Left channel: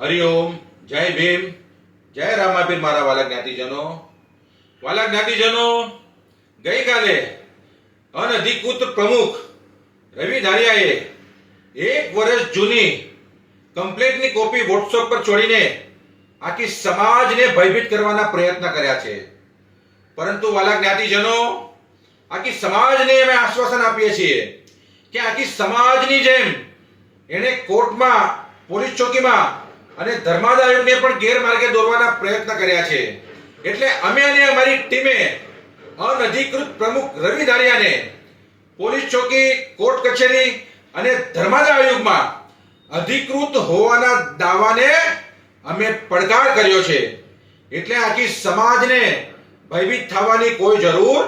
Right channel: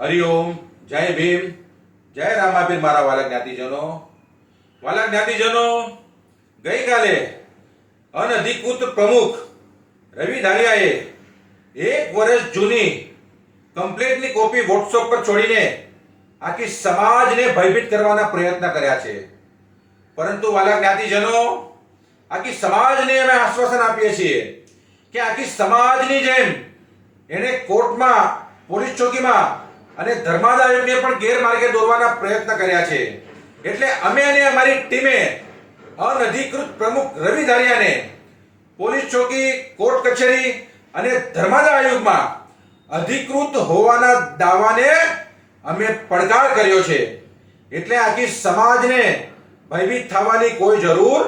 હરિઓમ, જય ભીમ, જય રામાપીર મારા વાલા જ્ઞાતિજનો. વાલા જ્ઞાતિજનો, ગઈકાલે અનધિકૃત પ્રમુખ રવિ ધારિયાએ 1 વર્ષ જૂની કમ્પ્લેન્ટની કોપી વોટ્સએપ પર છોડીને આખી સમાજને ભયભીત કરવાના પ્રયત્ન કર્યા છે. પરંતુ વાલા જ્ઞાતિજનો, આખી સમાજને અમે આશ્વાસન આપીએ છીએ કે આખી સમાજની જેમ એને કોર્ટમાં, પોલીસ ચોકીમાં અને ધર્માદા આયોગને પણ ગેરમાર્ગે દોરવાના પ્રયત્ન કર્યા છે. એટલે અમે અને અમારી ટીમે અનધિકૃત પ્રમુખ રવિ ધારિયાને પોલીસ ચોકી, કોર્ટ કચેરી અને ધર્માદા આયોગમાં અધિકૃત હોવાના દાવાને અમે પડકાર કર્યો છે. એટલે આખી સમાજને ભયભીત થવાની કોઈ જરૂર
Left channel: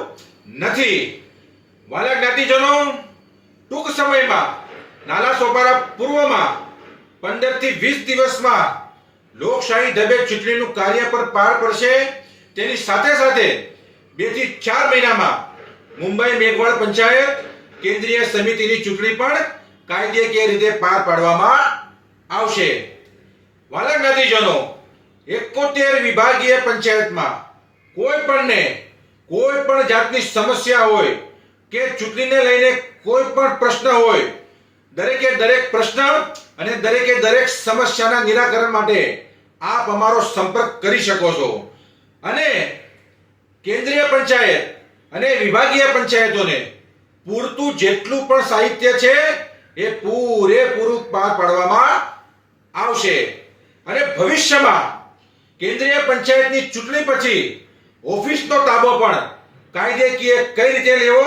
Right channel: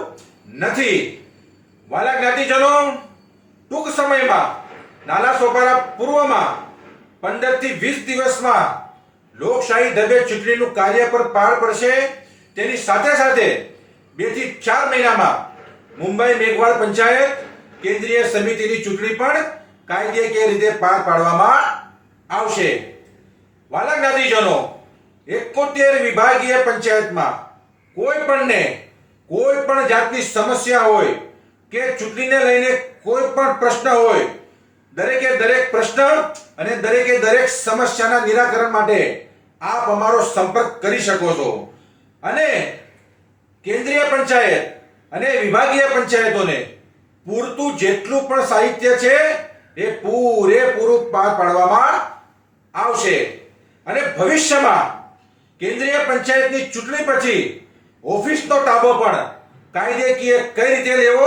નથી. વાલા જ્ઞાતિજનો, ટૂંક સમયમાં નાલા સોપારા પૂર્વમાં 15 થી 20 દિવસમાં લોકશાહી ઢબે ચૂંટણીનું કાર્ય પર પાર પડશે. તેની સાથે સાથે 2 થી 4 મહિનામાં મુંબઈ મેઘવાળ પંચાયત કેન્દ્રીય સમિતિની ચૂંટણી પણ કાયદેકીય રીતે પાર પાડવામાં આવશે. વાલા જ્ઞાતિજનો, 71 વિભાગીય પંચાયતમાં કોઈ પણ જાતની સમસ્યા હોય કે ચૂંટણીને લઈને કોઈ પણ પ્રશ્ન હોય, દરેકે દરેક પ્રશ્ન અને દરેકે દરેક સમસ્યાના નિરાકરણ માટે આપ અમારો સંપર્ક કરી શકો છો. અને કેન્દ્રીય પંચાયત અને વિભાગીય પંચાયતોને પૂરતું જેટલું પણ સાહિત્ય છે એ પૂરેપૂરું પાર પાડવામાં આવશે. અને ભવિષ્યમાં કેન્દ્રીય પંચાયતની ચૂંટણી પછી ઓફિસનો તાબો પણ કાયદેકીય કઈ રીતે લેવો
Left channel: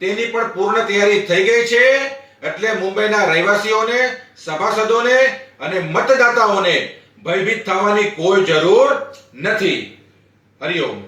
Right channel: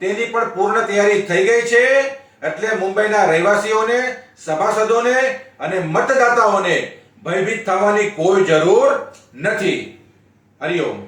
તેની પણ પૂર્ણ તૈયારી થઈ ગઈ છે. એટલે મુંબઈના રહેવાસીઓને, સભાસદોને અને મતદાતાઓને ભયભીત થવાની કોઈ જરૂર નથી. હરિઓમ.